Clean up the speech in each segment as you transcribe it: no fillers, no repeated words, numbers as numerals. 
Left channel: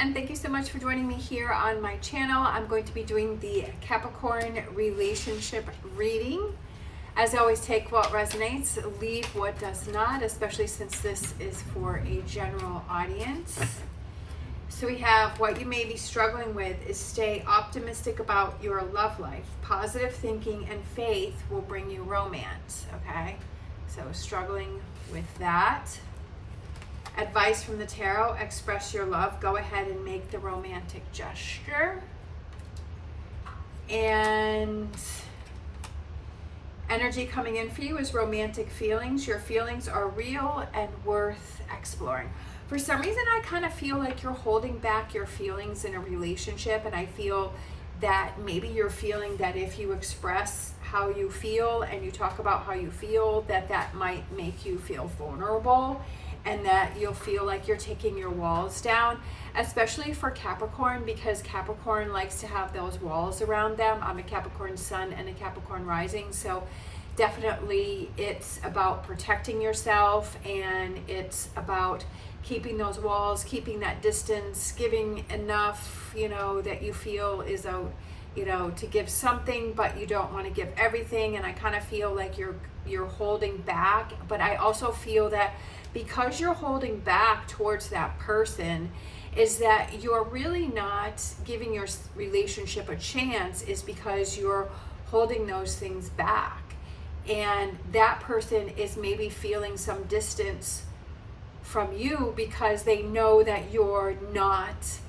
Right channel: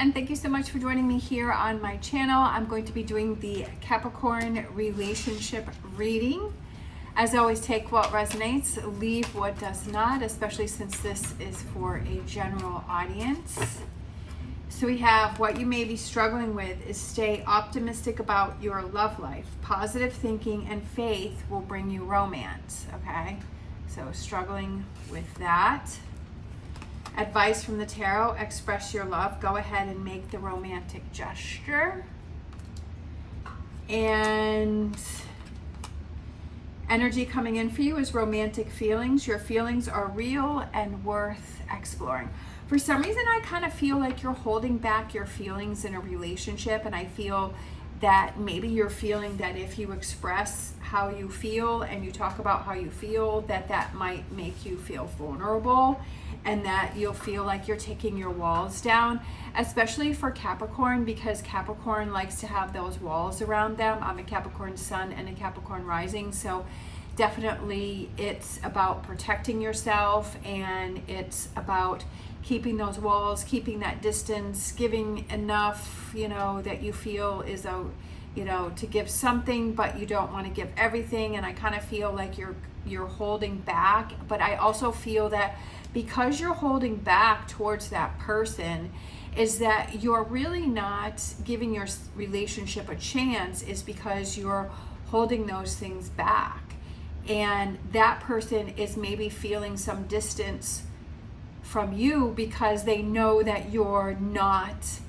and thank you so much for joining me here on my channel. I'm going to be doing the Capricorn relationship reading. As always, take what resonates, leave what does not, especially since this is for a general audience. So we have what you may be struggling with is stay optimistic about your love life. Positive thinking and faith will bring you romance, okay? So struggling with that. Advice from the tarot, express your love. Go ahead and make the romantic gesture. And energy coming in for you is romantic feelings. Your feelings are real and worth exploring. For some reason, I kind of feel like you're holding back your feelings in a relationship, and I feel that maybe you're feeling that if you express how you feel and you talk about how you feel, that might make you feel vulnerable, and that you'll feel like you're taking your walls down, especially for Capricorn, because Capricorn likes to have those walls around them. I'm a Capricorn sun and a Capricorn rising, so definitely it's about protecting yourself, and it's about keeping those walls, keeping that distance, giving enough, that you feel is to give something, but you don't want to give everything. And I kind of feel like you're holding back, but I also feel that because you're holding back towards that person, is that you're really not giving your relationship a chance, is because you're holding those things back. And that person is maybe feeling some distance from you because they know that you're not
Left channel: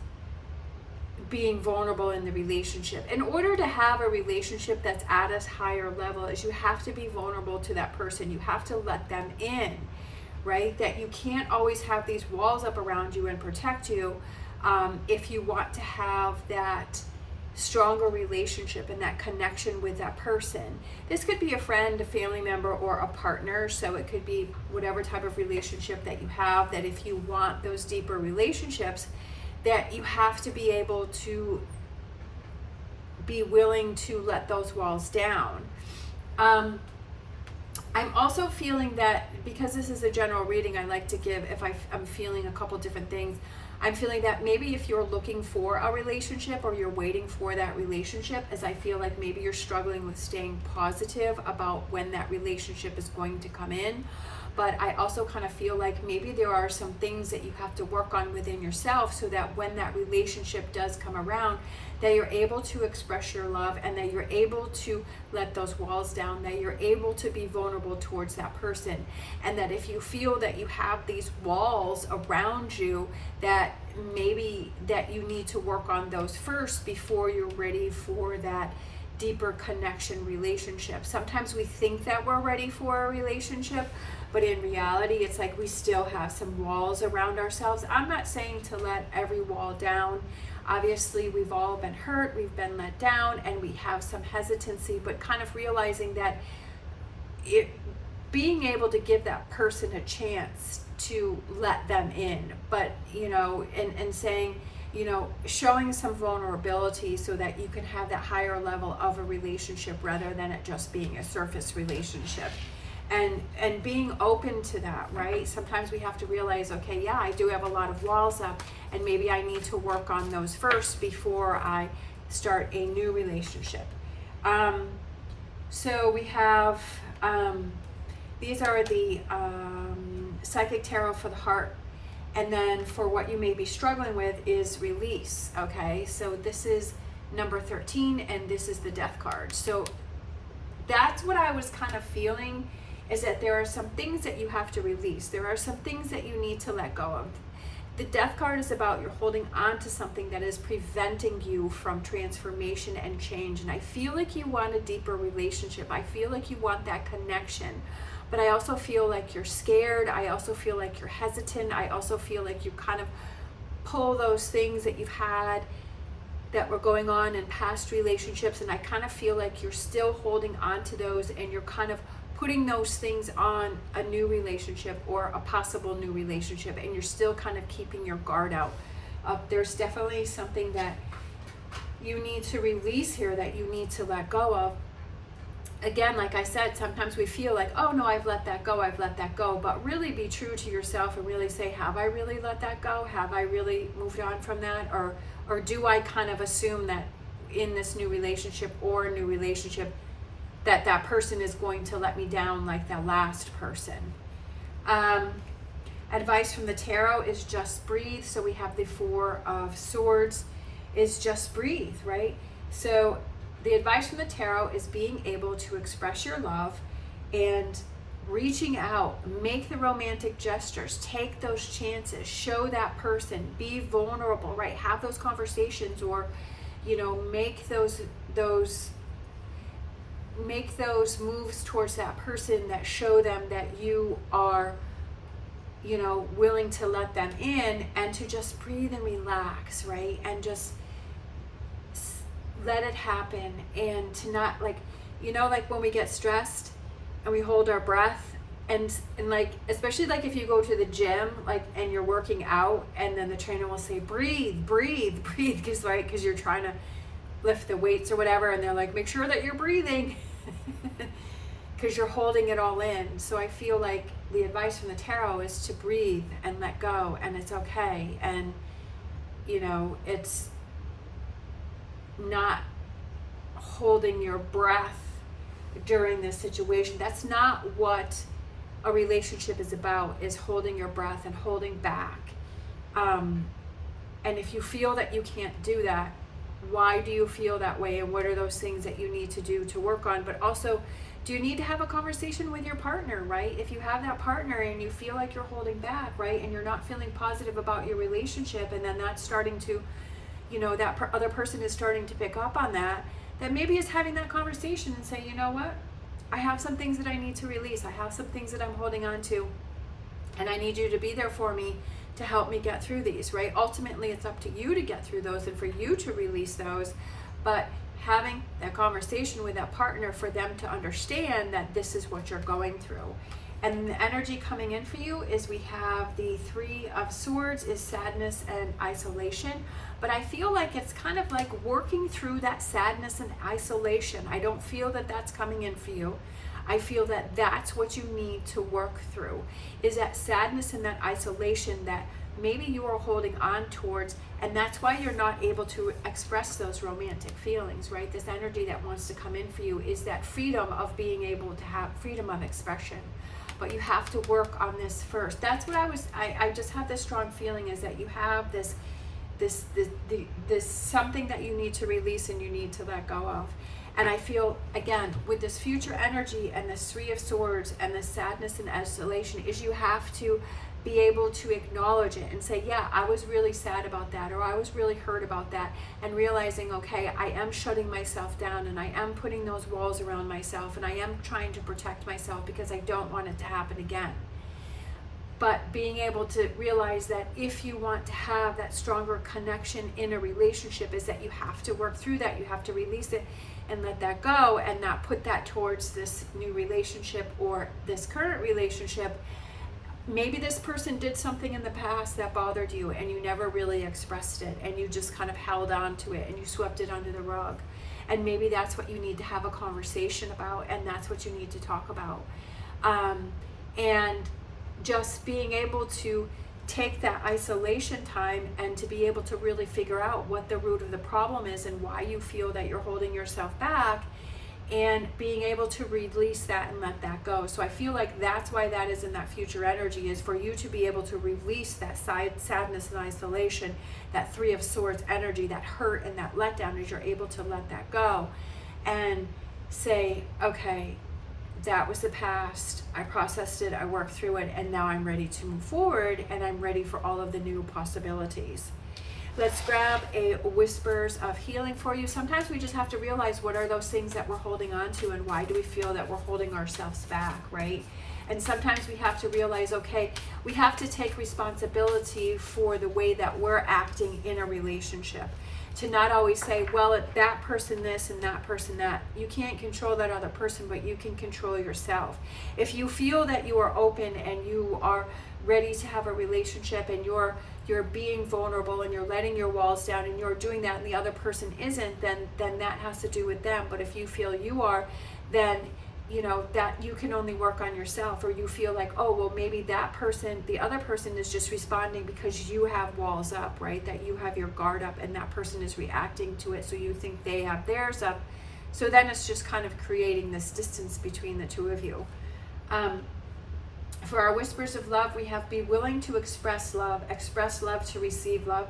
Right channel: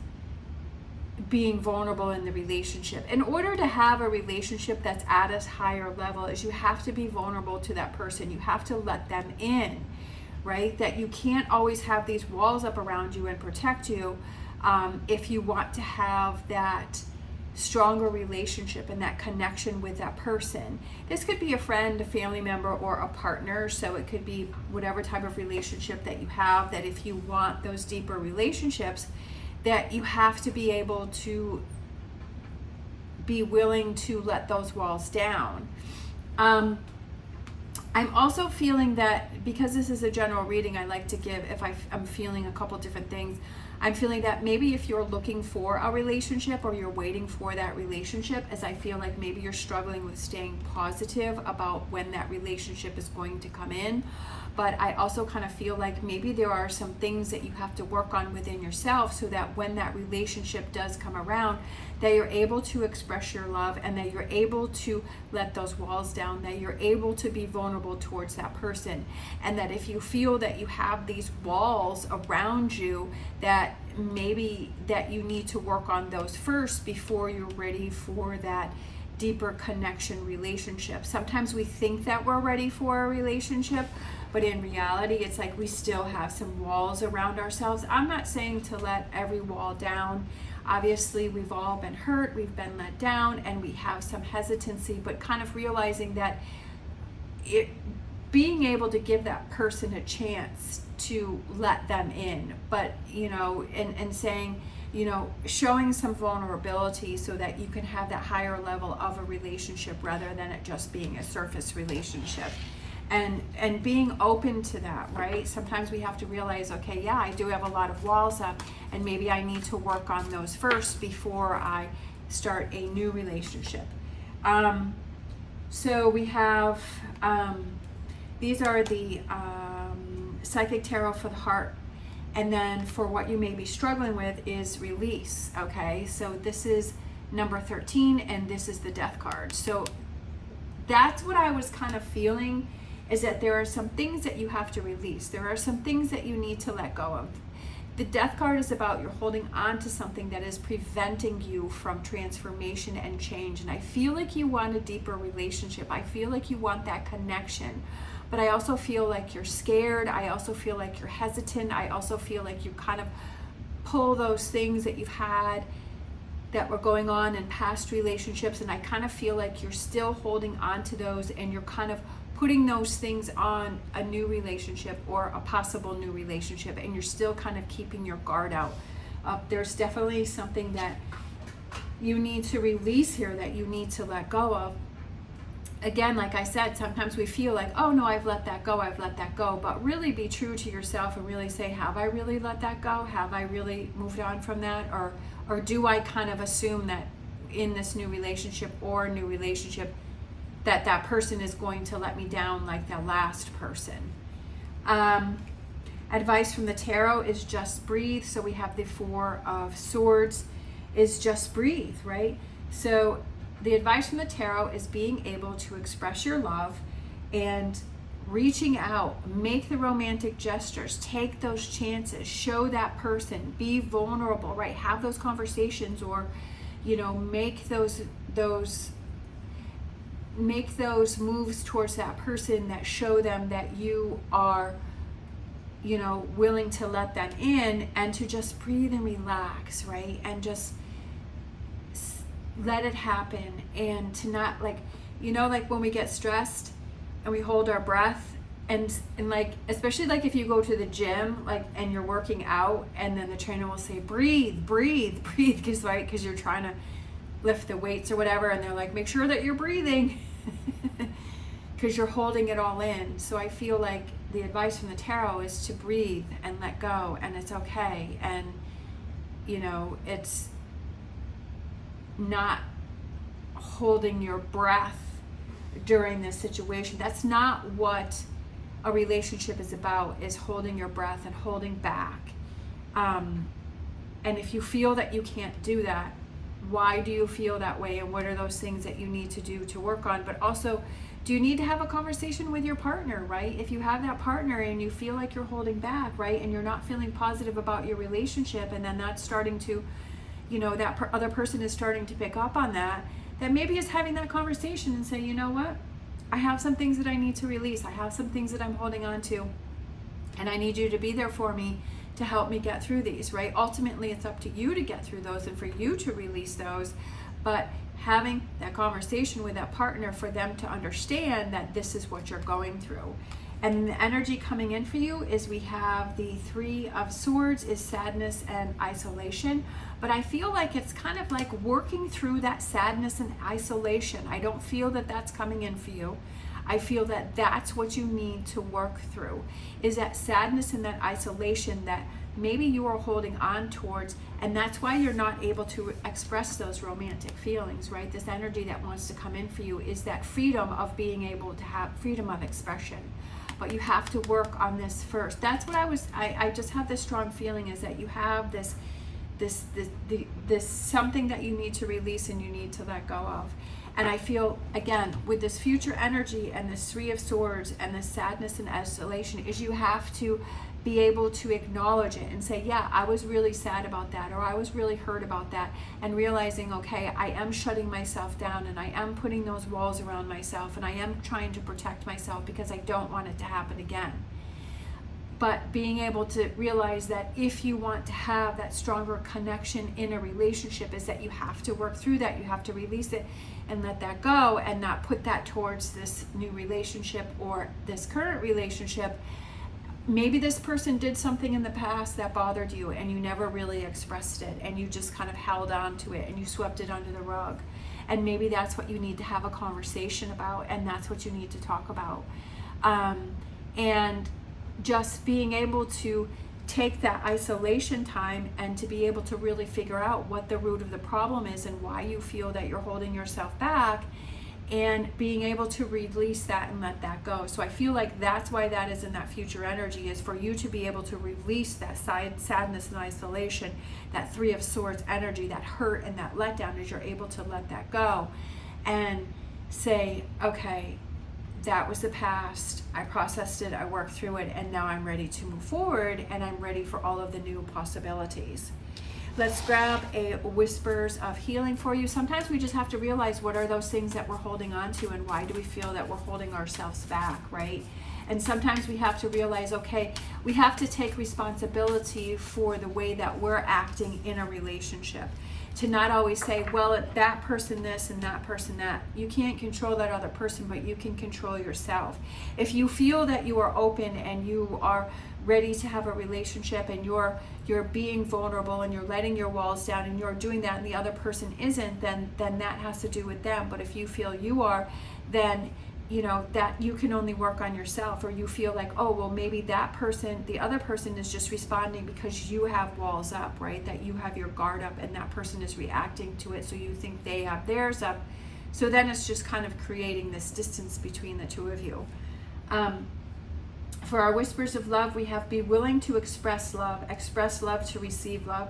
being vulnerable in the relationship. In order to have a relationship that's at a higher level, is you have to be vulnerable to that person. You have to let them in, right? That you can't always have these walls up around you and protect you if you want to have that stronger relationship and that connection with that person. This could be a friend, a family member, or a partner. So it could be whatever type of relationship that you have, that if you want those deeper relationships, that you have to be able to be willing to let those walls down. I'm also feeling that, because this is a general reading, I like to give, if I'm feeling a couple different things, I'm feeling that maybe if you're looking for a relationship or you're waiting for that relationship, as I feel like maybe you're struggling with staying positive about when that relationship is going to come in. But I also kind of feel like maybe there are some things that you have to work on within yourself, so that when that relationship does come around, that you're able to express your love, and that you're able to let those walls down, that you're able to be vulnerable towards that person. And that if you feel that you have these walls around you, that maybe that you need to work on those first before you're ready for that deeper connection relationship. Sometimes we think that we're ready for a relationship, but in reality, it's like we still have some walls around ourselves. I'm not saying to let every wall down. Obviously, we've all been hurt, we've been let down, and we have some hesitancy, but kind of realizing that being able to give that person a chance to let them in, but, and saying, showing some vulnerability so that you can have that higher level of a relationship rather than it just being a surface relationship. And being open to that, right? Sometimes we have to realize, okay, yeah, I do have a lot of walls up, and maybe I need to work on those first before I start a new relationship. So we have, these are the Psychic Tarot for the heart. And then for what you may be struggling with is release, okay? So this is number 13, and this is the Death card. So that's what I was kind of feeling, is that there are some things that you have to release. There are some things that you need to let go of. The Death card is about you're holding on to something that is preventing you from transformation and change. And I feel like you want a deeper relationship. I feel like you want that connection. But I also feel like you're scared. I also feel like you're hesitant. I also feel like you kind of pull those things that you've had that were going on in past relationships. And I kind of feel like you're still holding on to those, and you're kind of putting those things on a new relationship or a possible new relationship, and you're still kind of keeping your guard out. There's definitely something that you need to release here, that you need to let go of. again, like I said, sometimes we feel like, oh no, I've let that go, but really be true to yourself and really say, have I really let that go? Have I really moved on from that? Or do I kind of assume that in this new relationship that person is going to let me down like the last person? Advice from the tarot is just breathe. So we have the Four of Swords is just breathe, right? So the advice from the tarot is being able to express your love and reaching out, make the romantic gestures, take those chances, show that person, be vulnerable, right? Have those conversations, or, you know, make those moves towards that person that show them that you are, you know, willing to let them in, and to just breathe and relax, right? And just let it happen, and to not, like, you know, like when we get stressed and we hold our breath, and like, especially like if you go to the gym, like, and you're working out, and then the trainer will say, breathe, because right, because you're trying to lift the weights or whatever, and they're like, make sure that you're breathing because you're holding it all in. So I feel like the advice from the tarot is to breathe and let go, and it's okay. And, you know, it's not holding your breath during this situation. That's not what a relationship is about, is holding your breath and holding back. And if you feel that you can't do that, why do you feel that way, and what are those things that you need to do to work on? But also, do you need to have a conversation with your partner, right? If you have that partner and you feel like you're holding back, right, and you're not feeling positive about your relationship, and then that's starting to, you know, that other person is starting to pick up on that, then maybe it's having that conversation and say, you know what, I have some things that I need to release. I have some things that I'm holding on to, and I need you to be there for me to help me get through these, right? Ultimately, it's up to you to get through those and for you to release those, but having that conversation with that partner for them to understand that this is what you're going through. And the energy coming in for you is, we have the Three of Swords is sadness and isolation. But I feel like it's kind of like working through that sadness and isolation. I don't feel that that's coming in for you. I feel that that's what you need to work through, is that sadness and that isolation that maybe you are holding on towards, and that's why you're not able to express those romantic feelings, right? This energy that wants to come in for you is that freedom of being able to have freedom of expression. But you have to work on this first. That's what I just have this strong feeling, is that you have this something that you need to release and you need to let go of. And I feel, again, with this future energy and this Three of Swords and this sadness and isolation, is you have to be able to acknowledge it and say, yeah, I was really sad about that, or I was really hurt about that, and realizing, okay, I am shutting myself down, and I am putting those walls around myself, and I am trying to protect myself because I don't want it to happen again. But being able to realize that if you want to have that stronger connection in a relationship, is that you have to work through that. You have to release it and let that go, and not put that towards this new relationship or this current relationship. Maybe this person did something in the past that bothered you, and you never really expressed it, and you just kind of held on to it and you swept it under the rug. And maybe that's what you need to have a conversation about, and that's what you need to talk about. And just being able to take that isolation time and to be able to really figure out what the root of the problem is and why you feel that you're holding yourself back, and being able to release that and let that go. So I feel like that's why that is in that future energy, is for you to be able to release that sadness and isolation, that Three of Swords energy, that hurt and that letdown, as you're able to let that go and say, okay, that was the past, I processed it, I worked through it, and now I'm ready to move forward, and I'm ready for all of the new possibilities. Let's grab a Whispers of Healing for you. Sometimes we just have to realize, what are those things that we're holding on to, and why do we feel that we're holding ourselves back, right? And sometimes we have to realize, okay, we have to take responsibility for the way that we're acting in a relationship. To not always say, well, that person this and that person that. You can't control that other person, but you can control yourself. If you feel that you are open and you are ready to have a relationship and you're being vulnerable and you're letting your walls down and you're doing that and the other person isn't, then that has to do with them. But if you feel you are, then you know that you can only work on yourself. Or you feel like, oh, well, maybe that person, the other person is just responding because you have walls up, right? That you have your guard up and that person is reacting to it, so you think they have theirs up. So then it's just kind of creating this distance between the two of you. For our whispers of love, we have be willing to express love to receive love.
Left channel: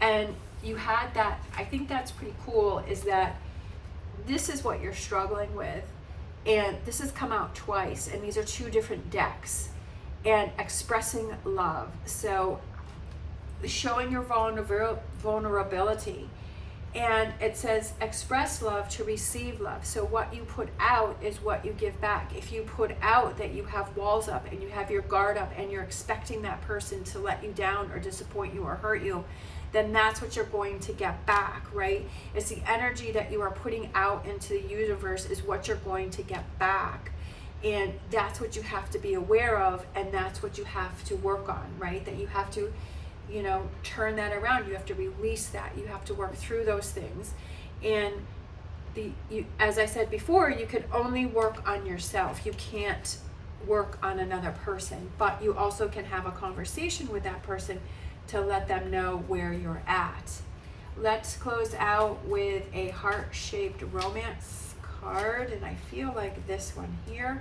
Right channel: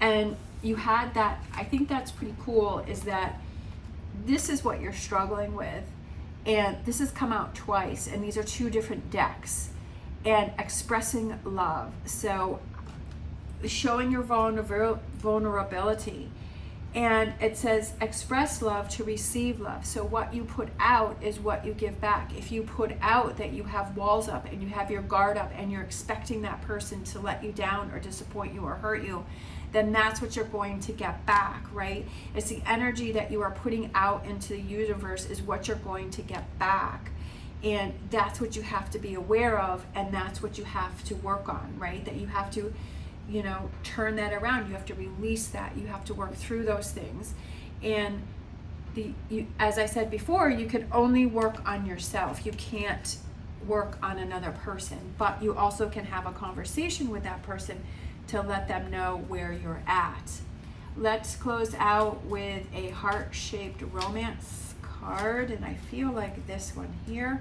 And you had that, I think that's pretty cool, is that this is what you're struggling with. And this has come out twice, and these are two different decks. And expressing love. So showing your vulnerability. And it says express love to receive love. So what you put out is what you give back. If you put out that you have walls up and you have your guard up and you're expecting that person to let you down or disappoint you or hurt you, then that's what you're going to get back, right? It's the energy that you are putting out into the universe is what you're going to get back. And that's what you have to be aware of, and that's what you have to work on, right? That you have to, you know, turn that around. You have to release that. You have to work through those things. And as I said before, you can only work on yourself. You can't work on another person, but you also can have a conversation with that person to let them know where you're at. Let's close out with a heart-shaped romance card, and I feel like this one here.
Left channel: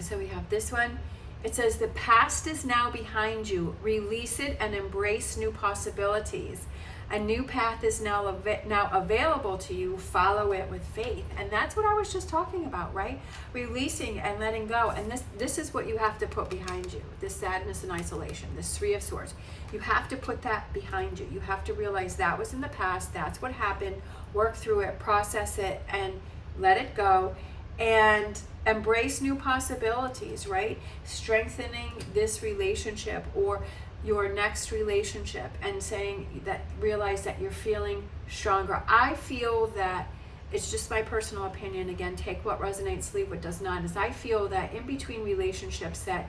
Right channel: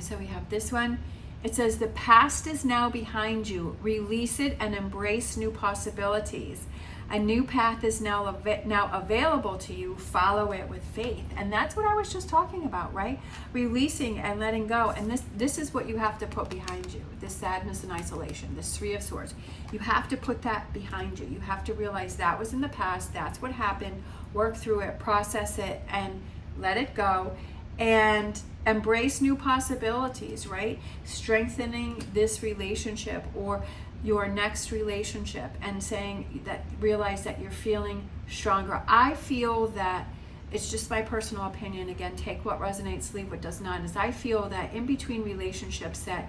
So we have this one. It says, the past is now behind you. Release it and embrace new possibilities. A new path is now available to you. Follow it with faith. And that's what I was just talking about, right? Releasing and letting go. And this is what you have to put behind you. This sadness and isolation, this Three of Swords. You have to put that behind you. You have to realize that was in the past. That's what happened. Work through it, process it, and let it go. And embrace new possibilities, right? Strengthening this relationship or your next relationship, and saying that, realize that you're feeling stronger. I feel that, it's just my personal opinion, again, take what resonates, leave what does not, is I feel that in between relationships that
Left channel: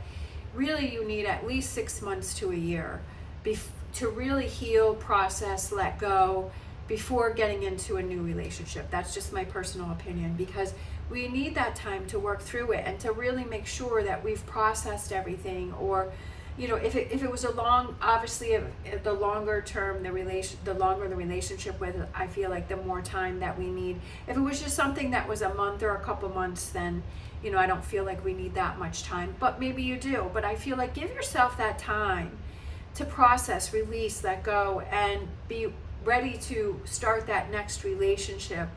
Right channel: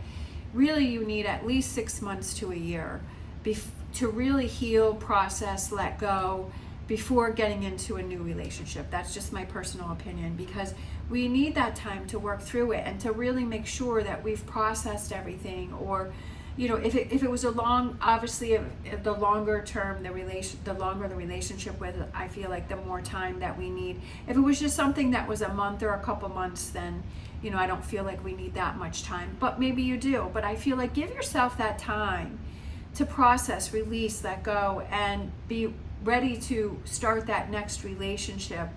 really you need at least 6 months to a year to really heal, process, let go before getting into a new relationship. That's just my personal opinion, because we need that time to work through it and to really make sure that we've processed everything. Or, you know, if it was a long, obviously, if the longer term the longer the relationship with, I feel like the more time that we need. If it was just something that was a month or a couple months, then, you know, I don't feel like we need that much time. But maybe you do. But I feel like give yourself that time to process, release, let go, and be ready to start that next relationship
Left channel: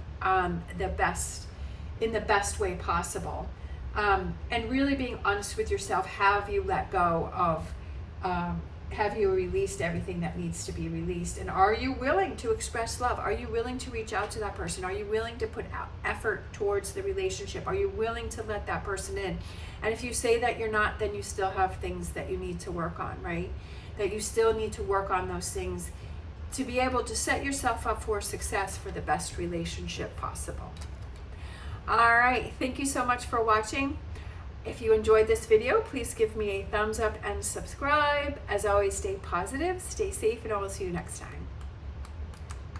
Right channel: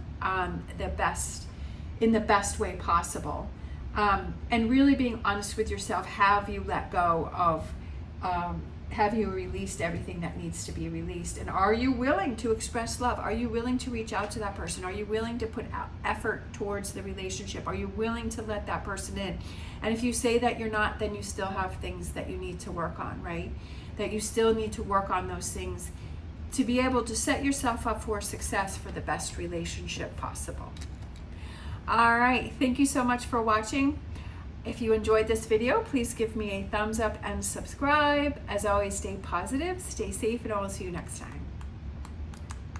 in the best way possible. And really being honest with yourself. Have you let go of, have you released everything that needs to be released? And are you willing to express love? Are you willing to reach out to that person? Are you willing to put out effort towards the relationship? Are you willing to let that person in? And if you say that you're not, then you still have things that you need to work on, right? That you still need to work on those things to be able to set yourself up for success for the best relationship possible. All right, thank you so much for watching. If you enjoyed this video, please give me a thumbs up and subscribe. As always, stay positive, stay safe, and I will see you next time.